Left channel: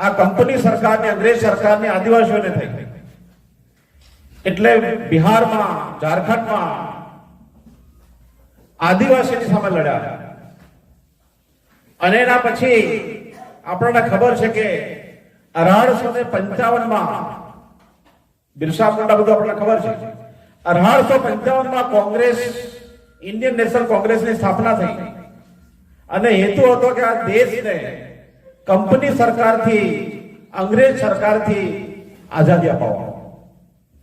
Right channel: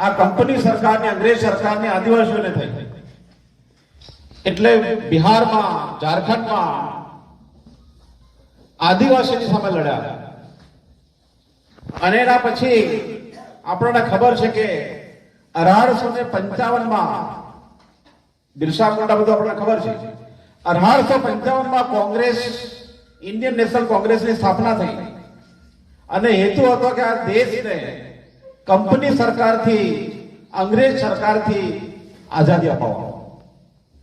આ કંપની સરકારની, અંગ્રેજ સરકારની આદિવાસીઓને થઈ. એટલે બિહારમાં, ઝારખંડમાં આદિવાસીની સામે લડ્યા. અને એના પછી આપણને ખબર છે કે અઢારસો ને પંચાવનમાં, બિરસા મુંડા બધું આપણને ખબર છે. અઢારસો પંચાવનમાં કોંગ્રેસ, ઇન્ડિયન નેશનલ કોંગ્રેસની સ્થાપના થઈ. અને હેતુ હતો કે આ દેશને કંપની સરકારથી, અંગ્રેજ સરકારથી આઝાદી અપાવવા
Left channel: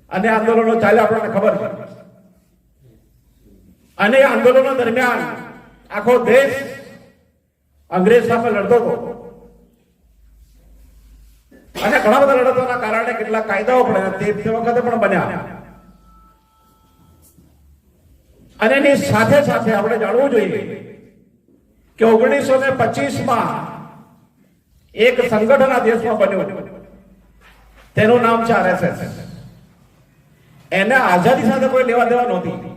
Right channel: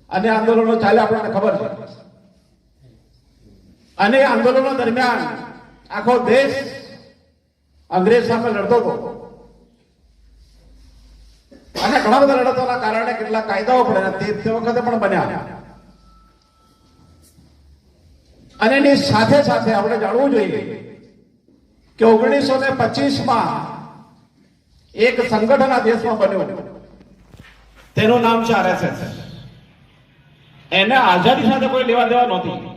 અને આંદોલનો ચાલે આપણને ખબર છે. અને આંદોલનો દરમિયાન આખો દેશ અંગ્રેજ સામે લડતો હતો. અને ઘણા બધા લડતોના કારણે કેટલાક કાયદાઓ પડ્યા તે વખતે પણ બન્યા. અને એની સાથે સાથે આપણે જાણવું જોઈએ કે ઓગણીસો ને પચીસમાં એક સંગઠન આ દેશમાં બન્યું. તેનું નામ છે આરએસએસ. એને આઝાદી સાથે કોઈ લેવા દેવા નહોતી.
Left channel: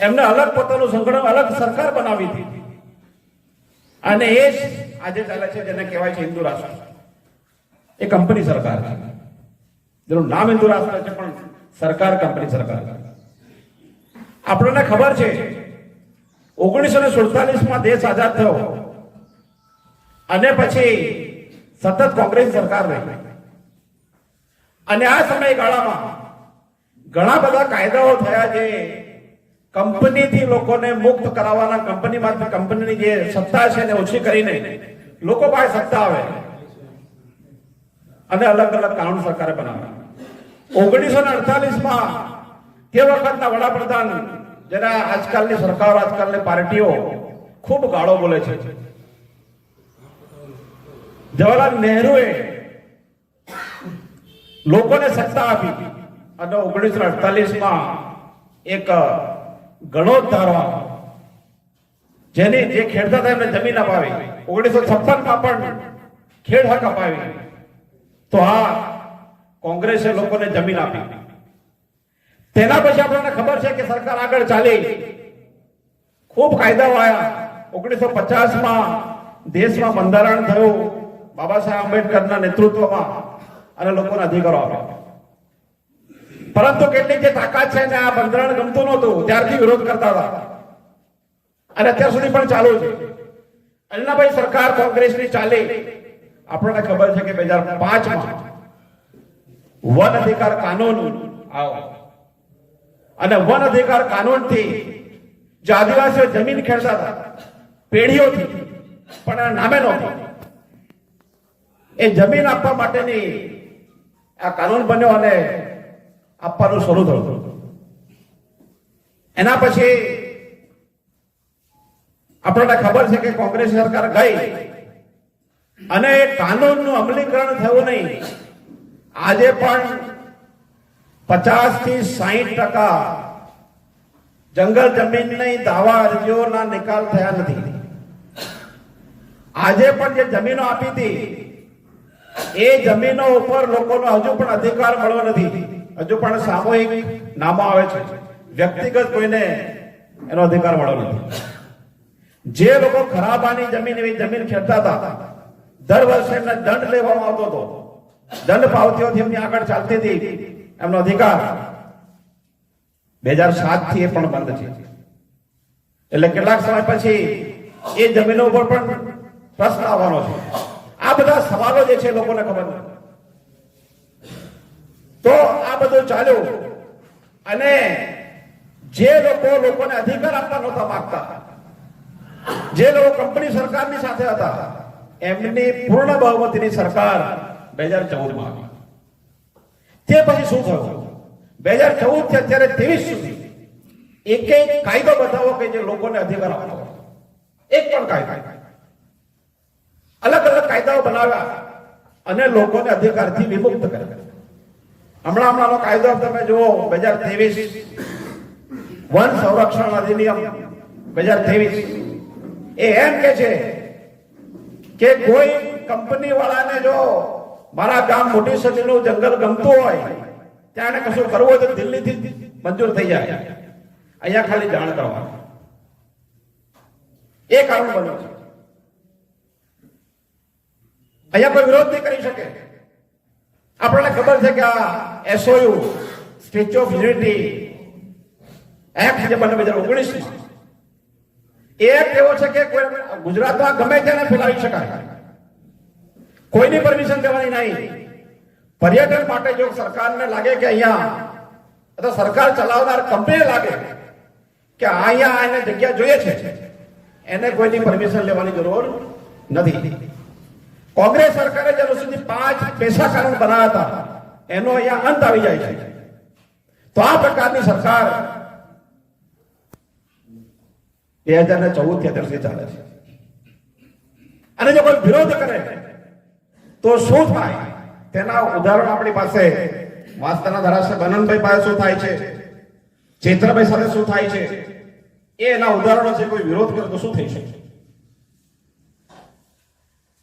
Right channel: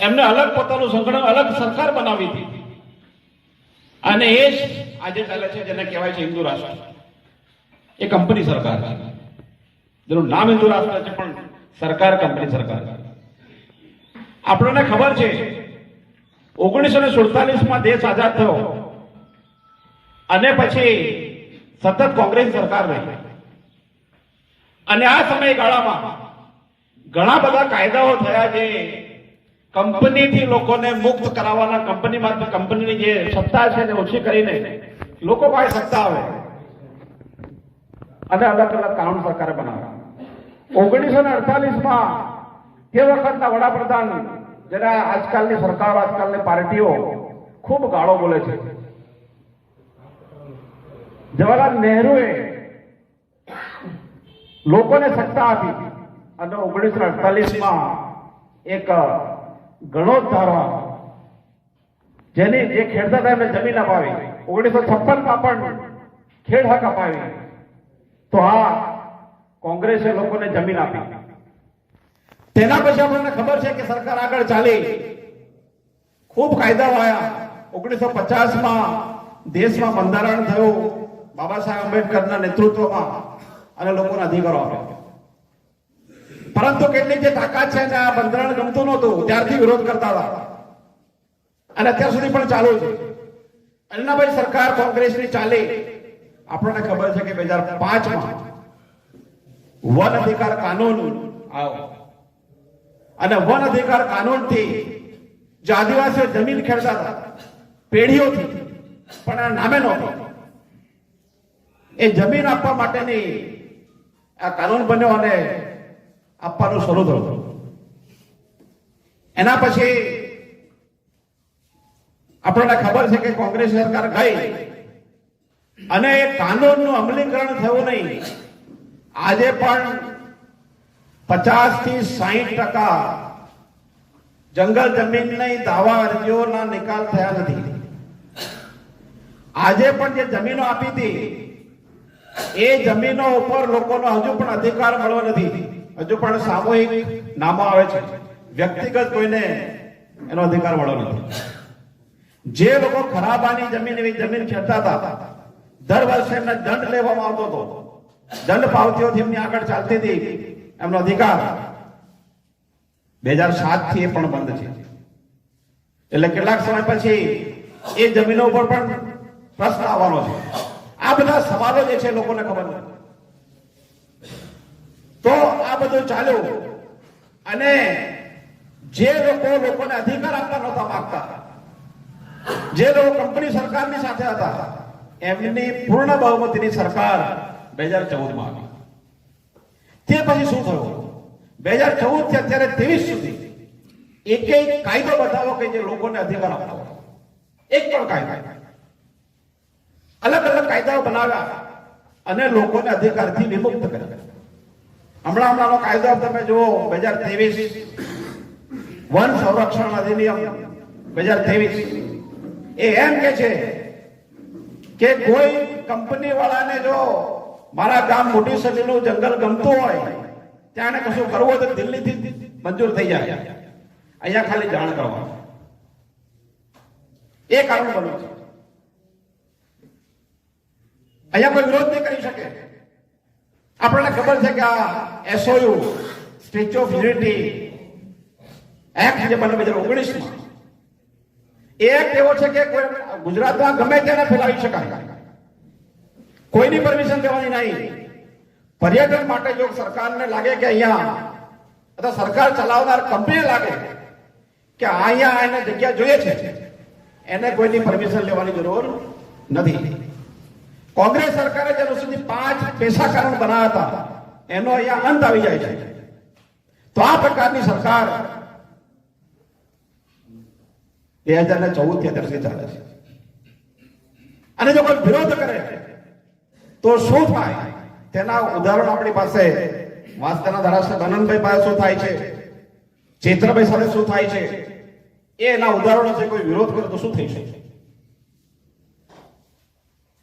એમને અલગ પોતાનું સંગઠન, અલગ સરકાર બનાવી હતી. અને એ જ આજે ચાલે છે જેને કહેવાય છે હિન્દુ રાષ્ટ્ર. એ કંપની સરકાર છે. જેનું નામ હિન્દુ રાષ્ટ્ર છે, પણ સરકાર કંપની સરકાર. આપણને ખબર છે, ઓગણીસો ને સુડતાલીસમાં દેશ આઝાદ થયો. અને પછી સતત કોંગ્રેસ સરકાર રહી. અને આ સમયગાળામાં ઘણા બધા કાયદાઓ થયા જે કંપનીથી લોકોને મુક્ત કરાવવાના કંપનીમાંથી કંપનીની જે સત્તા છે એને ઓછી કરીને લોકો પાસે સત્તા આવે. અને અલગ અલગ કાનૂન સરકારે બનાવ્યા ઓગણીસો ને અડતાલીસમાં તે વખતના વડાપ્રધાન, જેના આજકાલની સરકારો, આજકાલની પાર્ટીઓ ખૂબ ગાળો બોલે છે. જવાહરલાલ નહેરુએ લોકોને સત્તા આપી અને ઓગણીસો અડતાલીસમાં એક ગણો ધારવા જેની જે ખેડતા હતા એમને જમીન અપાવી. ઓગણીસો છપ્પનમાં પણ ખેડ હક અપાવી. તો આ કોંગ્રેસે લોકોને જમીન આપી. તેના પછી આપણને ખબર છે કે સરકાર આગળ ચાલી. ખૂબ કાયદાઓ આવ્યા ઓગણીસો પચાસમાં દેશમાં બંધારણ થયું. બાબા સાહેબ આંબેડકરના નેતૃત્વમાં અને લોકોને અધિકારો આપ્યા પરંતુ કેટલીક જે તાકાત છે આ બંધારણ ગમતું નહોતું, ત્યારથી વિરોધ કરતા હતા. અને અત્યાર સુધી પણ ચાલુ છે. અલ્લાભાઈ સરકાર કોંગ્રેસની ચાલે. આપણને ખબર છે કે બે હજાર પાંચમાં વન અધિકાર કાનૂન અને વન અધિકાર કાનૂનથી જે આદિવાસીઓ જમીન ખેડતા હતા પેઢીઓથી, પણ નામે નહોતી. એ જમીન આપવા માટેની આ કાનૂન બન્યો અને આપવાનું શરૂ થયું એના પછી આપણને ખબર છે કે કોંગ્રેસ સરકાર ગઈ અને કાનૂનનું અમલીકરણ થયું નહીં. આજે પણ પચાસથી સાહીઠ ટકા જંગલ જમીનની દાવા અરજીઓના નિકાલ થયા નથી. આજે પણ જે જમીનો આપી હતી એ જમીનો ઉપર લોકોનો હજુ પણ અધિકાર મળવો નથી. હજુ પણ સામૂહિક નામો આવે છે. વ્યક્તિગત કોઈને એનો અધિકાર મળવો નથી. જે લોકો ખરાબાની જમીન એવી જમીન ખેડતા હતા, દર વર્ષે એમને દંડ લેવામાં આવતો હતો. દંડ પાવતીઓ એમની આગળ ચાલતી હતી. એમનો અધિકાર બે હજાર સાતથી એ પણ બંધ છે. એટલે કેટલાક સમય પછી એ જમીનો ઉપર પણ પ્રશ્ન આવવાનો છે. આ બધા સવાલો જે છે લોકોને ખબર તો આ બધું ચાલ્યું અને જે લોકો લોકોને અધિકાર આપવા નહોતા માંગતા, જે લોકો કંપની સરકારની સાથે હતા, એમની પૂર્ણ બહુમતીની સરકાર બે હજાર ચૌદમાં આવી. તે પછી શું થયું? બે હજાર ચૌદથી અત્યારે ત્રેવીસ સુધી એક એક કાયદો બતાવો કે જે લોકોને અધિકાર આપવો. એક પણ કાયદો. અલગ કાયદાઓ બનાવ્યા અને લોકોને અધિકારથી વિમુક્ત કર્યા. હમણાં હમણાંનો કાયદો તમે જુઓ, બે હજાર ત્રેવીસ. વન સંરક્ષણ અધિનિયમ બે હજાર ત્રેવીસ. એ એમ કે છે કે કોઈ કંપની વાળાને જો મારા ગામ મોટી સદીનું જંગલ ગમતું હોય, ત્યાં એને કશું કરવું હોય તો દિલ્હીથી મંજૂર થઈ જાય. અહીંયા ખાલી જાણ કરવાનું. એ કારણ બન્યું છે. અહીંયા કોઈ વિરોધ નહીં કરી શકે. આપણને ખબર છે કે આ SOU statue of unity act જે બને બે હજાર ઓગણીસમાં એક્ટ એવો છે કે ગુજરાતમાં ગમે તેને ફેલાવી શકાય. કોઈની પરમિશન લેવાની નહીં. પર્યટન માટે જો સરકારને લાગે કે અહીંયા, અથવા સરકાર ચલાવનાર કંપનીને લાગે કે અહીંયા એને જગ્યા જોઈએ છે, એને કોઈની પરમિશન લેવાની જરૂર નથી. કોંગ્રેસ સરકારે જ્યાં સુધી પાંચ પૈસા કાનૂન બનાવ્યા હતા, એનો અહીંયા અંત આવી જાય છે. તો આ પ્રકારની સરકાર બે હજાર ને ચૌદથી અત્યાર સુધી ચાલે છે. અને જો કોઈ વિરોધ કરે, તો શું થાય? તેના ઉદાહરણ આપણી પાસે વાસ્તાના ધારાસભ્ય આનંદભાઈ પાસે શું થાય છે? ચેત્રભાઈ સાથે શું થાય છે? એ એના ઉદાહરણો છે, કોઈ વિરોધ કરે તો શું થઈ શકે?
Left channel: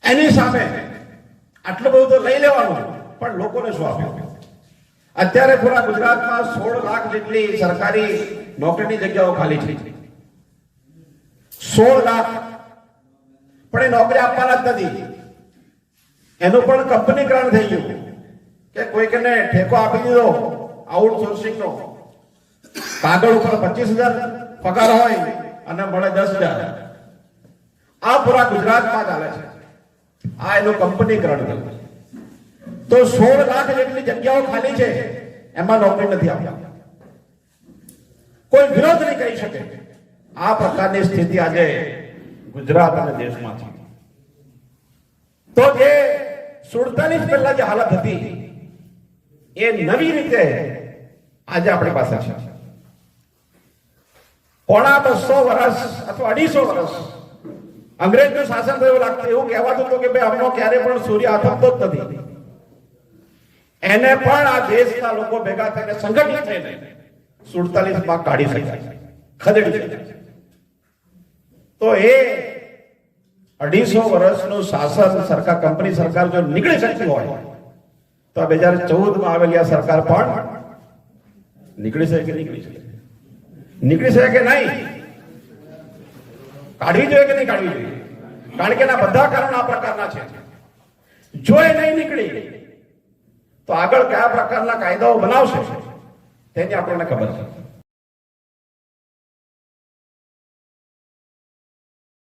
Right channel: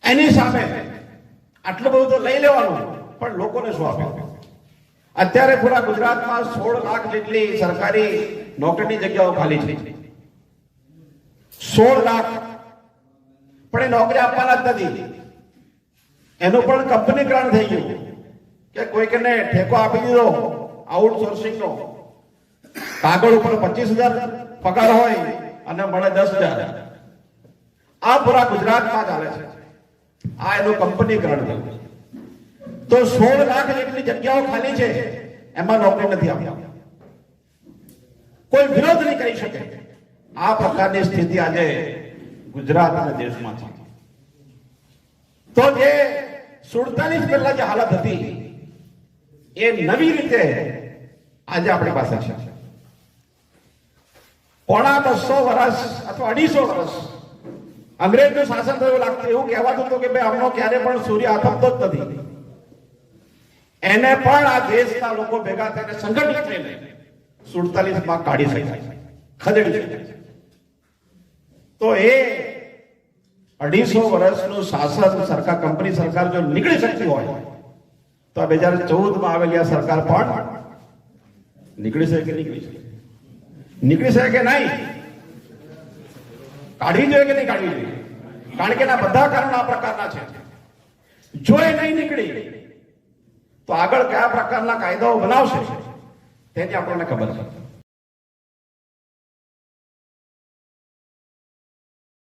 એની સામે આટલું બધું તો લઈ લેવાનું, પણ લોકોને શું આપે? અત્યારે પૂરા ગુજરાતમાં સોળ લાખ જેટલી સરકારી નોકરીની જગ્યાઓ ખાલી છે. સોળ લાખ. પણ એ નોકરી આપવાના જ નથી. એનું પણ કંપનીકરણ થઈ ગયું કે કોઈકને ઠેકો આપી દીધો આઉટસોર્સિંગનો કાગળ ઉપર પચીસ હજાર પગાર હોય અને મળે દસ હજાર. આ પૂરા ગુજરાતમાં ચાલે છે. આ એનું કંપનીકરણ થયું તો સોળ લાખ જેટલી જગ્યાઓ ખાલી છે, એમાં નોકરી નથી આપતા કોઈ વિરોધ નહીં કરી શકે. આ પ્રકારની સ્થિતિ આજે ગુજરાત અને દેશમાં છે તો જે સુડતાલીસ પહેલા જે હાલત હતી, એ નવી રીતે આજે આપણી પાસે છે. પોણા બસો વર્ષ અથવા અઢીસો વર્ષ અંગ્રેજનું શાસન થયું લાગતું એવું કહેવાતું હતું કે ભાઈ અમનો ક્યારે પણ સૂર્ય આથમતો જ નથી. એને પણ આ દેશના લોકો ભેગા થઈને સંગઠિત થઈને સુડતાલીસમાં કાઢી શકાય ખદેડી શકાય તો એ અઢીસો વર્ષનું શાસન સરકાર, કંપની સરકાર જો નીકળી શકતી હોય, તો બે હજાર ચૌદમાં આવેલી આ સરકાર પણ નીકળી શકે કે નીકળી શકે નીકળી શકે કે નહીં? કાઢવી જોઈએ કે નહીં કાઢવી જોઈએ? કારણ કે એના બધા કારણો આ પ્રકારના છે. જો એ નહીં નીકળી, તો આગળ કયા પ્રકારના કાયદાઓ બનાવશે તેની આપણને ખબર છે.